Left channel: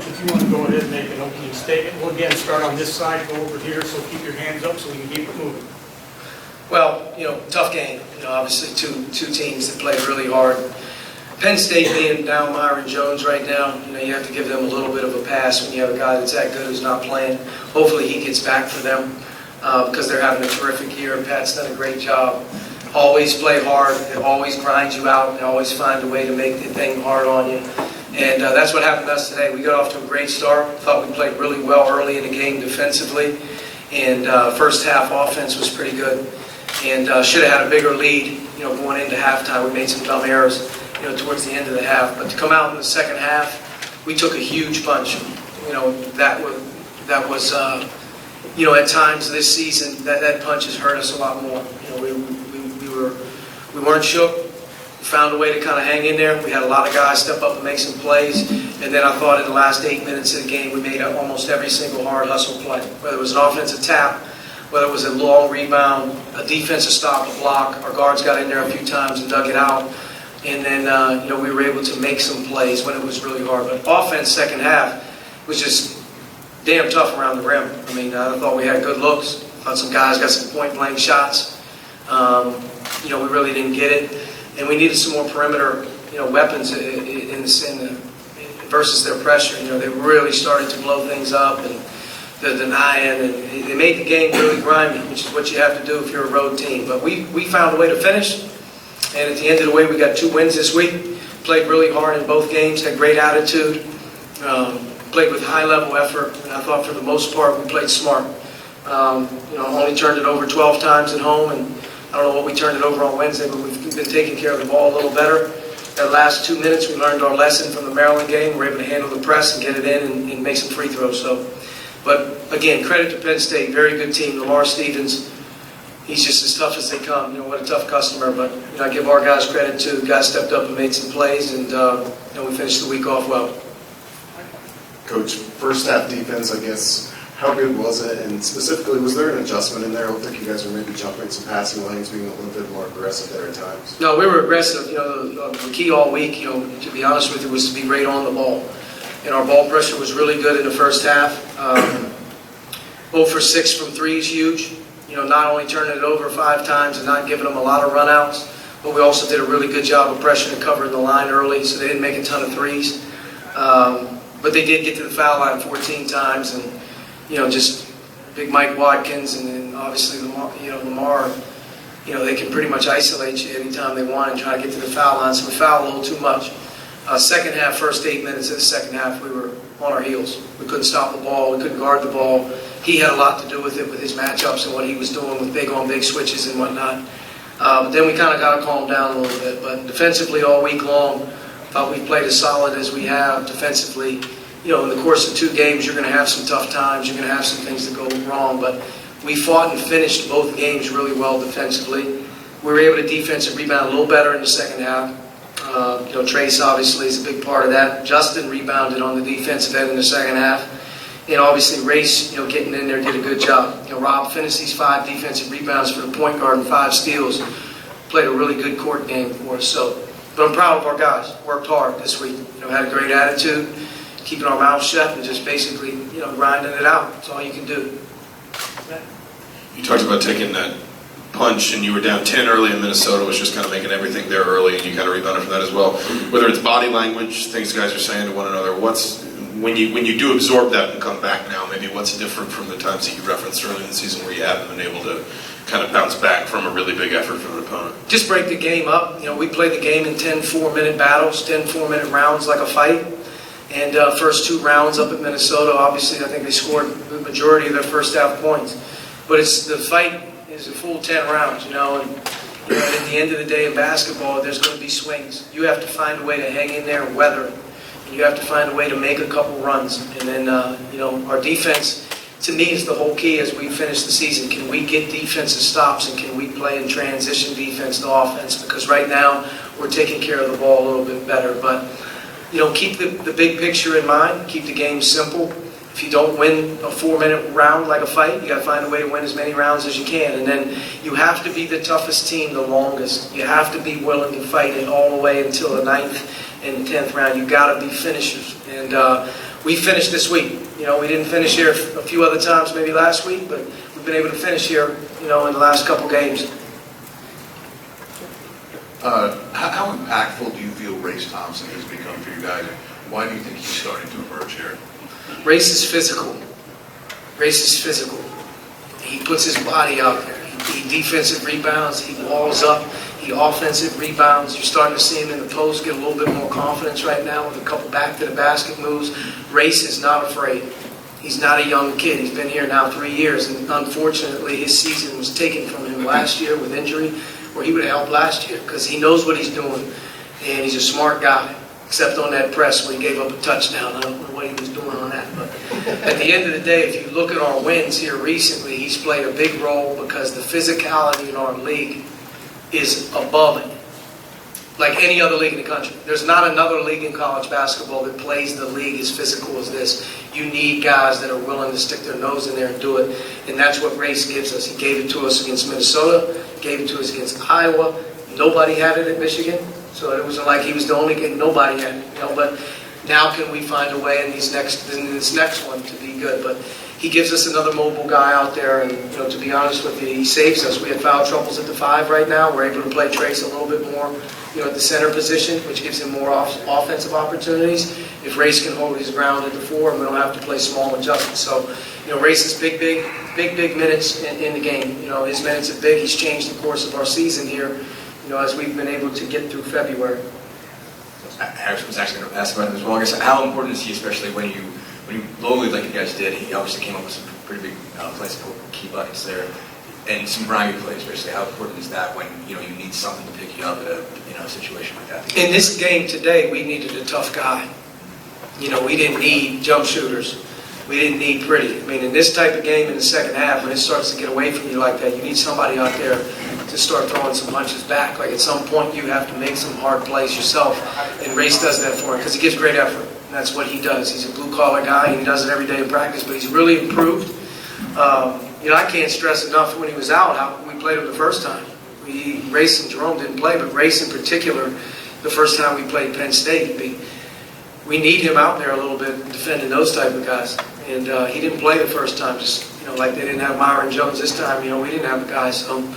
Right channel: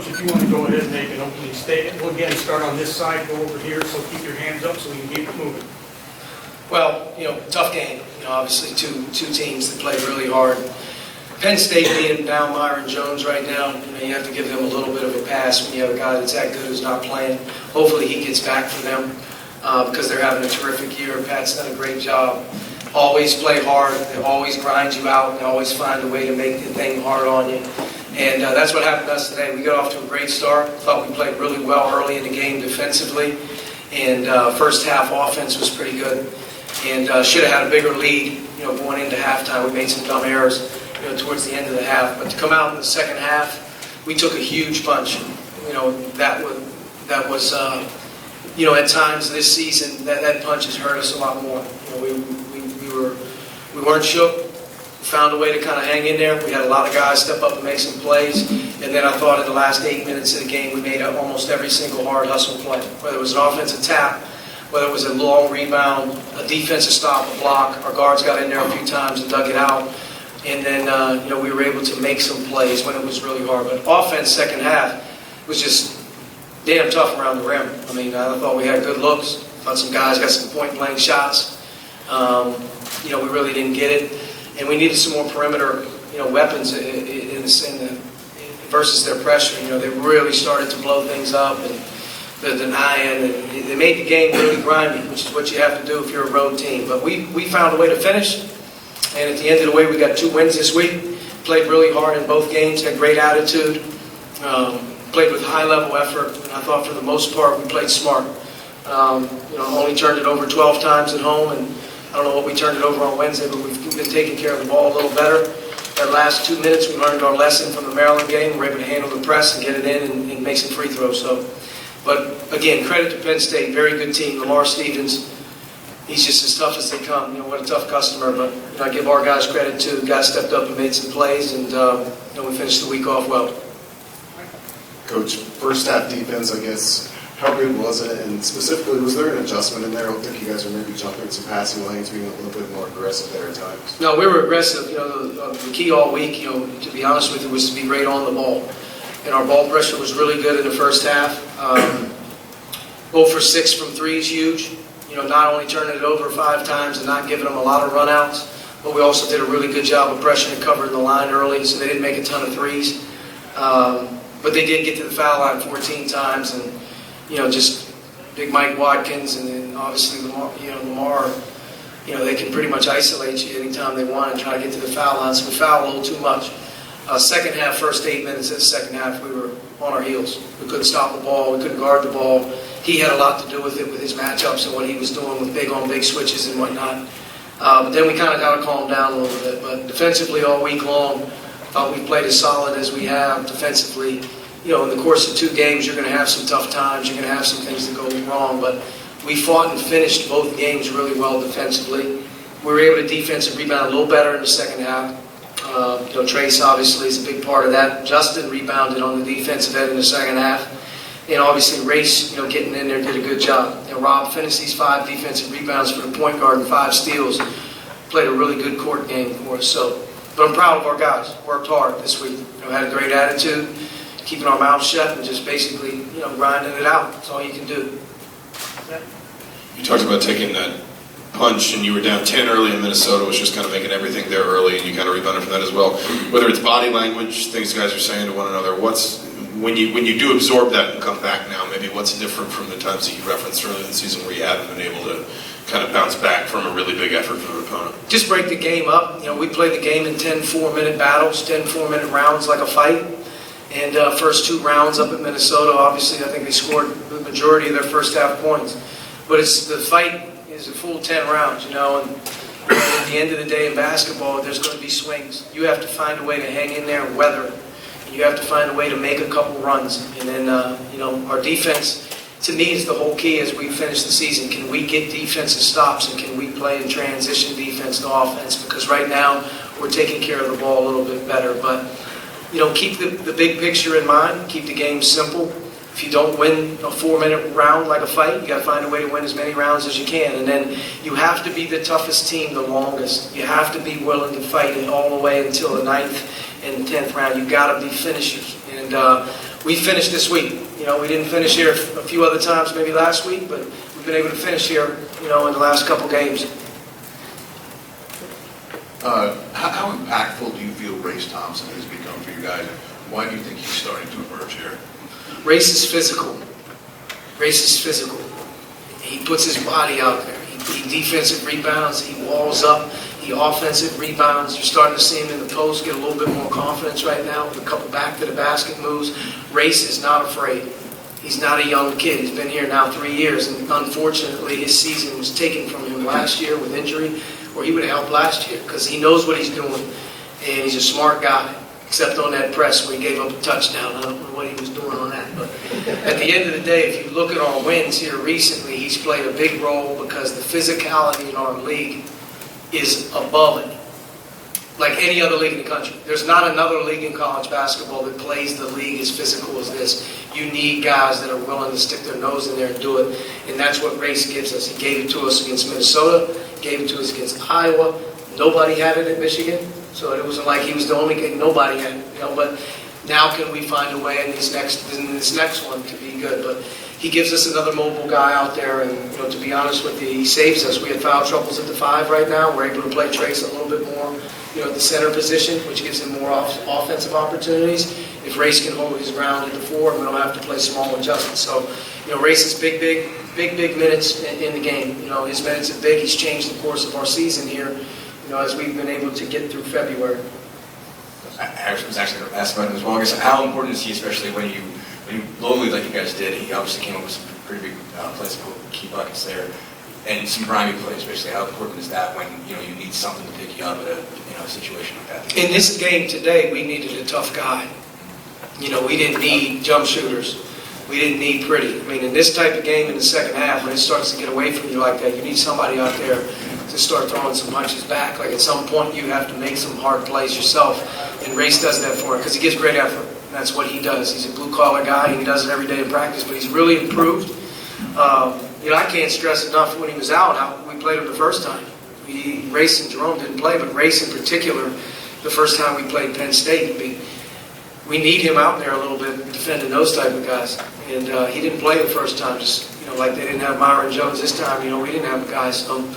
Coach, if you want to go ahead and make an opening statement, we'll again start on this side, go over here, so keep your hands up so we can keep it moving. Well, tough game. Obviously two teams that played really hard. Penn State being down Myron Jones right now, you have to give them a little bit of a pass when you have a guy that's that good who's not playing. Hopefully he gets back for them because they're having a terrific year. Pat's done a great job. Always play hard. They always grind you out. They always find a way to make the thing hard on you. And that's what happened to us today. We got off to a great start. Thought we played really well early in the game defensively. And first half offense was pretty good. And should have had a bigger lead, going into halftime. We made some dumb errors, towards the end of the half. But to come out in the second half, we took a huge punch. That was at times this season, that punch has hurt us a lot more. We weren't shook. We found a way to kind of hang in there. We had a lot of guys step up and make some plays. And then I thought in the last 8 minutes of the game, we made almost every single hard hustle play. Whether it was an offensive tap, whether it was a long rebound, a defensive stop, a block. Our guards got in there a few times and dug it out. And then, we were able to make some plays when it was really hard. But offense, second half, was just damn tough around the rim. I thought we had good looks. Thought some guys got some point-blank shots. We really didn't get it. And we needed some more perimeter, weapons versus their pressure. They really started to blow things up and the denying, and they made the game really grimy, which is what you have to do if you're a road team. But we found a way to finish, and at the end of the way, we got 2 wins this week. Played really hard in both games, had great attitude, played with high-level effort, and I thought for the most part we played smart. Only turned it over 12 times at home, and I don't know what we turned it over on Wednesday, but we've been taking care of the ball a little better. That last 2 minutes, we learned our lesson from the Maryland game. We were able to handle the press and get it in and make some free throws. But again, credit to Penn State, very good team. Lamar Stevens, he's just as tough as they come. What a tough customer. But I give our guys credit too. Guys stepped up and made some plays, and we finished the week off well. Coach, first half defense, I guess. How good was it? And specifically, was there an adjustment in there? I don't think you guys were maybe jumping some passing lanes, being a little bit more aggressive there at times. No, we were aggressive. The key all week, to be honest with you, was to be right on the ball. And our ball pressure was really good in the first half. 0 for 6 from 3 is huge. Not only turning it over 5 times and not giving them a lot of runouts, but we also did a really good job of pressuring and covering the line early, so they didn't make a ton of threes. But they did get to the foul line 14 times, and just big Mike Watkins, and then obviously Lamar, they can pretty much isolate you anytime they want and try to get to the foul line. So we fouled a little too much. Second half, first 8 minutes of the second half, we were on our heels. We couldn't stop the ball. We couldn't guard the ball. He had a lot to do with it, with his matchups and what he was doing with big-on-big switches and whatnot. But then we kind of got to calm down a little bit. But defensively all week long, thought we played as solid as we have defensively. In the course of 2 games, you're going to have some tough times. You're going to have some things that go wrong. But we fought and finished both games really well defensively. We were able to defensive rebound a little better in the second half. Trace obviously is a big part of that. Justin rebounded on the defensive end in the second half. And obviously Race, getting in there did a good job. Rob finished these 5 defensive rebounds for the point guard and 5 steals. Played a really good court game for us. But I'm proud of our guys. Worked hard this week. Had a great attitude. Keeping our mouths shut and just basically, grinding it out. That's all you can do. You talked about taking that punch, and you were down 10 early in Minnesota, was just kind of making everything there early, and you kind of rebounded from that as well. Whether it's body language, things guys are saying to one another, when you do absorb that and come back now, maybe what's different from the times that you referenced early in the season where you haven't been able to kind of bounce back from a really big effort from an opponent? Just break the game up. We played the game in 10 4-minute battles, 10 4-minute rounds like a fight. And first 2 rounds up at Minnesota, obviously I think they scored the majority of their first half points. But the fight is a full 10 rounds, and at the end of the day in basketball, there's going to be swings. You have to find a way to hang in there and weather it. You have to find a way to make a couple runs. And then, our defense, to me, is the whole key as we finish the season. Can we get defensive stops, and can we play in transition defense to offense? Because right now, we're taking care of the ball a little bit better. But keep the big picture in mind. Keep the game simple. If you don't win a 4-minute round like a fight, you got to find a way to win as many rounds as you can. And then you have to be the toughest team the longest. You have to be willing to fight it all the way until the 9th and 10th round. You got to be finishers. And We finished this week. You know, we didn't finish here a few other times, maybe last week, but we've been able to finish here, you know, in the last couple games. How impactful do you feel Race Thompson has become for you guys? Why do you think he's starting to emerge here? Race is physical. Race is physical. He puts his body out there. He defensive rebounds. He walls up. He offensive rebounds. You're starting to see him in the post get a little bit more confidence right now with a couple back to the basket moves. Race is not afraid. He's not a young kid. He's been here now 3 years, and unfortunately his season was taken from him last year with injury, or he would have helped last year because he knows what he's doing, and he's a smart guy, except on that press when he gave up a touchdown. I don't know what he was doing on that, but at the end of the day, if you look at our wins here recently, he's played a big role because the physicality in our league is above it, like any other league in the country. There's not another league in college basketball that plays the league as physical as this. You need guys that are willing to stick their nose in there and do it, and that's what Race gives us. He gave it to us against Minnesota, gave it to us against Iowa. Nobody had it at Michigan, so it wasn't like he was the only kid. Nobody had it, you know. But now can we find a way in this next one to be good? But he gives us another mobile guy out there, and you know, to be honest with you, he saves us. We have foul troubles at the 5 right now. We're able to play Trace a little bit more, you know, at the center position, which gives him more offensive opportunities. If Race can hold his ground at the 4, we don't have to play small adjustments. So, you know, Race is big minutes in the game. You know, his minutes are big. He's changed the course of our season here, you know, as we've been able to get through February. I was actually going to ask about him as well. I guess how important is he, especially when you locally, like you guys did? He obviously came up with some pretty big plays to key buckets there, and some grimy play, especially. How important is that when you need something to pick you up at a situation like that? In this game today, we needed a tough guy. You know, we didn't need jump shooters. We didn't need pretty. I mean, in this type of game in the second half, when it starts to get away from you like that, you need somebody out there to start throwing some punches back. Like at some point, you have to make some hard plays yourself. And Race does that for him because he gives great effort. And that's what he does. He's a blue-collar guy, and he does it every day in practice, but he's really improved. You know, I can't stress enough when he was out how we played him the first time. Race and Jerome didn't play, but Race in particular, the first time we played Penn State, we need him out there a little bit defending those type of guys. And he didn't play the first time, just, you know, like they didn't have Myron Jones this time. You know, we didn't have the guys. So,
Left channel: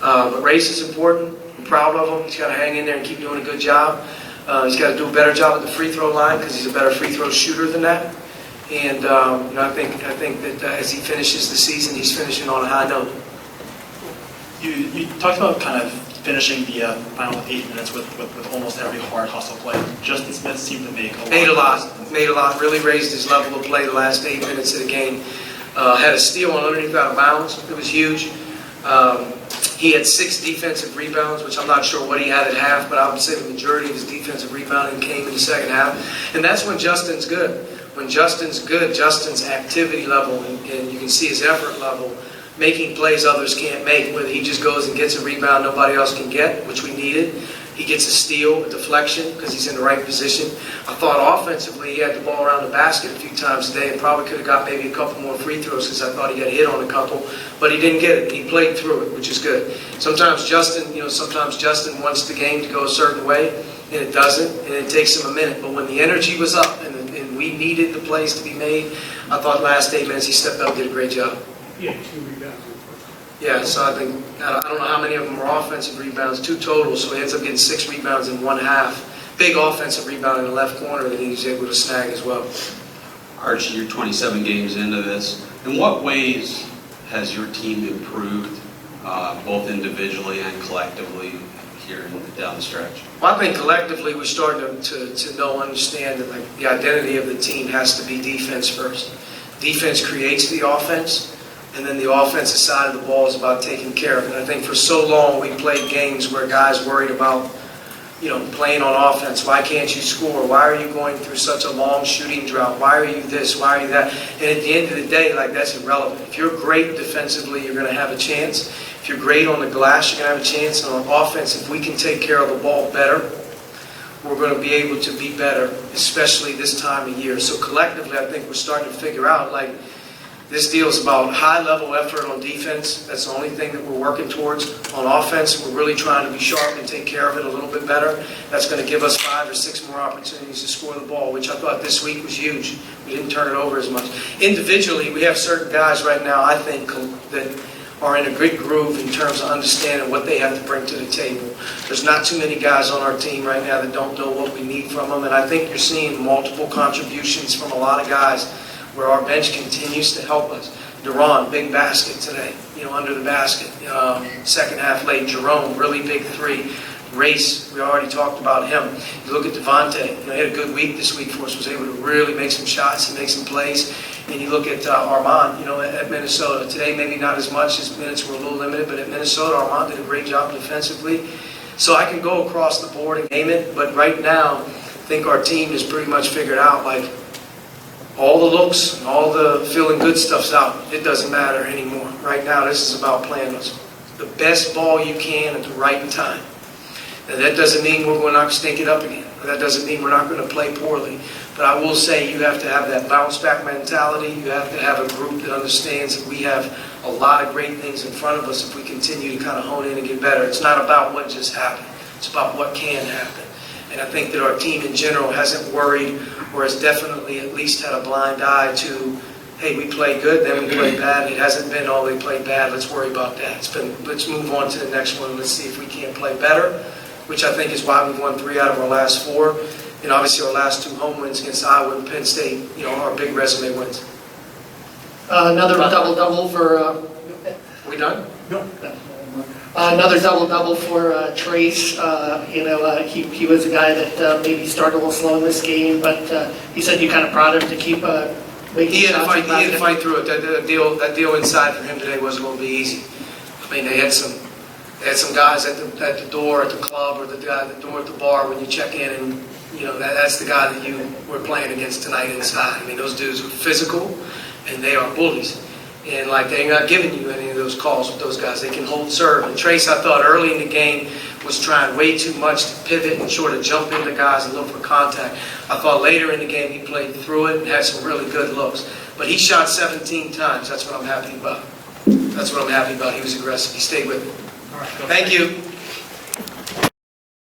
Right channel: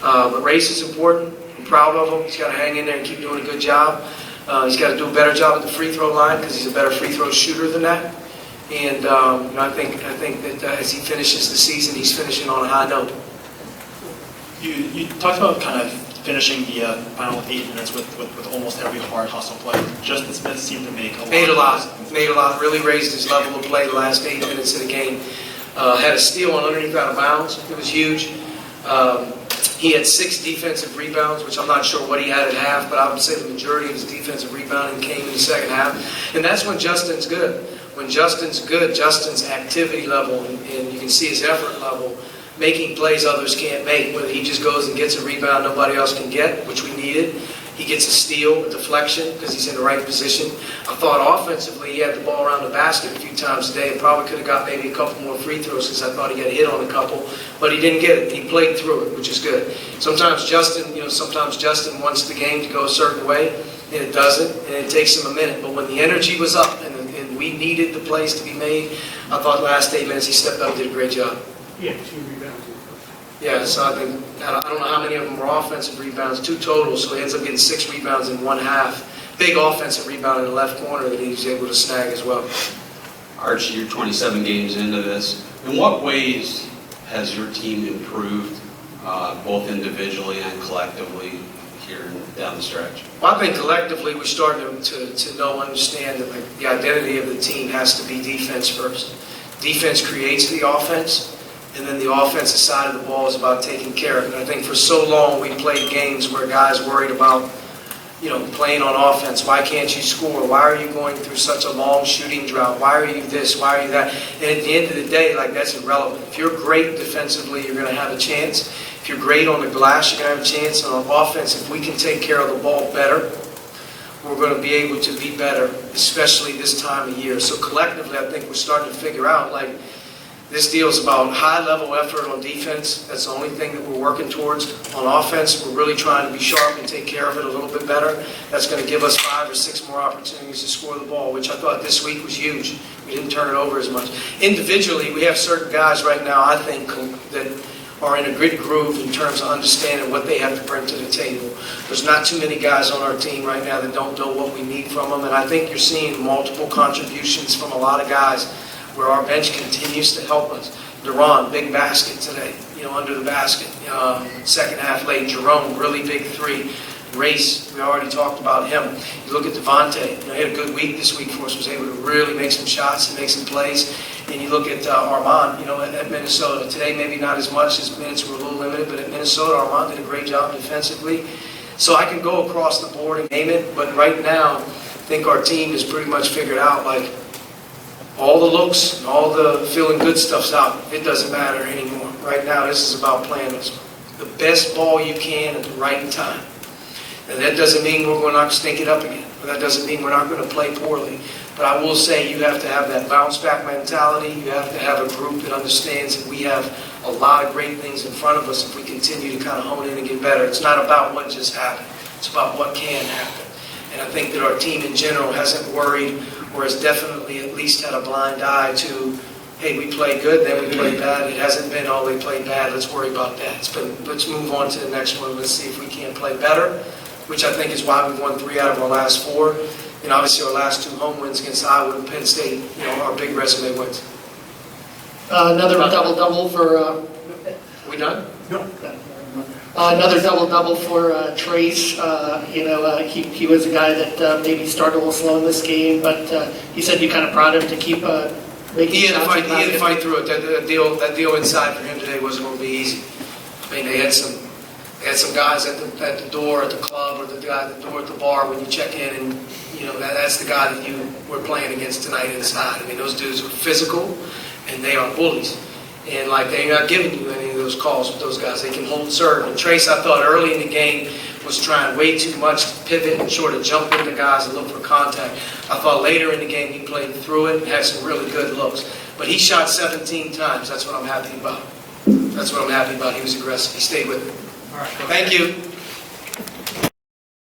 but Race is important. I'm proud of him. He's got to hang in there and keep doing a good job. He's got to do a better job at the free throw line because he's a better free throw shooter than that. And you know, I think that as he finishes the season, he's finishing on a high note. You talked about kind of finishing the final 8 minutes with almost every hard hustle play. Justin Smith seemed to make Made a lot. Really raised his level of play the last 8 minutes of the game. Had a steal on underneath out of bounds. It was huge. He had 6 defensive rebounds, which I'm not sure what he had at half, but I would say the majority of his defensive rebounding came in the second half. And that's when Justin's good. When Justin's good, Justin's activity level, and you can see his effort level, making plays others can't make, whether he just goes and gets a rebound nobody else can get, which we needed. He gets a steal, a deflection, because he's in the right position. I thought offensively he had the ball around the basket a few times today and probably could have got maybe a couple more free throws because I thought he had hit on a couple, but he didn't get it. He played through it, which is good. Sometimes Justin wants the game to go a certain way, and it doesn't, and it takes him a minute. But when the energy was up and we needed the plays to be made, I thought last 8 minutes he stepped up and did a great job. He had 2 rebounds in the first half. Yeah, so I don't know how many of them were offensive rebounds, 2 total, so he ends up getting 6 rebounds in 1 half. Big offensive rebound in the left corner that he was able to snag as well. Archie, you're 27 games into this. In what ways has your team improved, both individually and collectively here down the stretch? Well, I think collectively we're starting to understand that like the identity of the team has to be defense first. Defense creates the offense. And then the offensive side of the ball is about taking care of it. And I think for so long we played games where guys worried about, you know, playing on offense. Why can't you score? Why are you going through such a long shooting drought? Why are you this? Why are you that? And at the end of the day, like, that's irrelevant. If you're great defensively, you're going to have a chance. If you're great on the glass, you're going to have a chance. And on offense, if we can take care of the ball better, we're going to be able to be better, especially this time of year. So collectively, I think we're starting to figure out, like, This deal is about high-level effort on defense. That's the only thing that we're working towards. On offense, we're really trying to be sharp and take care of it a little bit better. That's going to give us 5 or 6 more opportunities to score the ball, which I thought this week was huge. We didn't turn it over as much. Individually, we have certain guys right now, I think, that are in a good groove in terms of understanding what they have to bring to the table. There's not too many guys on our team right now that don't know what we need from them, and I think you're seeing multiple contributions from a lot of guys where our bench continues to help us. Duran, big basket today, under the basket. Second half late. Jerome, really big 3. Race, we already talked about him. You look at Devontae, he had a good week this week for us, was able to really make some shots and make some plays. And you look at Armand, at Minnesota. Today, maybe not as much, his minutes were a little limited, but at Minnesota, Armand did a great job defensively. So I can go across the board and name it, but right now, I think our team is pretty much figured out, like, all the looks and all the feeling good stuff's out. It doesn't matter anymore. Right now, this is about playing the best ball you can at the right time. And that doesn't mean we're not going to stink it up again. That doesn't mean we're not going to play poorly. But I will say you have to have that bounce-back mentality. You have to have a group that understands that we have a lot of great things in front of us if we continue to kind of hone in and get better. It's not about what just happened. It's about what can happen. And I think that our team in general hasn't worried or has definitely at least had a blind eye to, hey, we played good, then we played bad. It hasn't been, oh, they played bad, let's worry about that. It's been, let's move on to the next one. Let's see if we can't play better, which I think is why we won 3 out of our last 4. And obviously our last 2 home wins against Iowa and Penn State, our big resume wins. Another double-double for... Are we done? No. Another double-double for Trace. He was a guy that maybe started a little slow in this game, but you said you kind of prodded him to keep making He had shots. to fight through it. That deal inside for him today wasn't going to be easy. I mean, they had some guys at the door at the club or the guy at the door at the bar when you check in, and that's the guy that you were playing against tonight inside. I mean, those dudes are physical and they are bullies. And they're not giving you any of those calls with those guys. They can hold serve. And Trace, I thought early in the game, was trying way too much to pivot and sort of jump into guys and look for contact. I thought later in the game he played through it and had some really good looks. But he shot 17 times. That's what I'm happy about. He was aggressive. He stayed with it. All right. Thank you.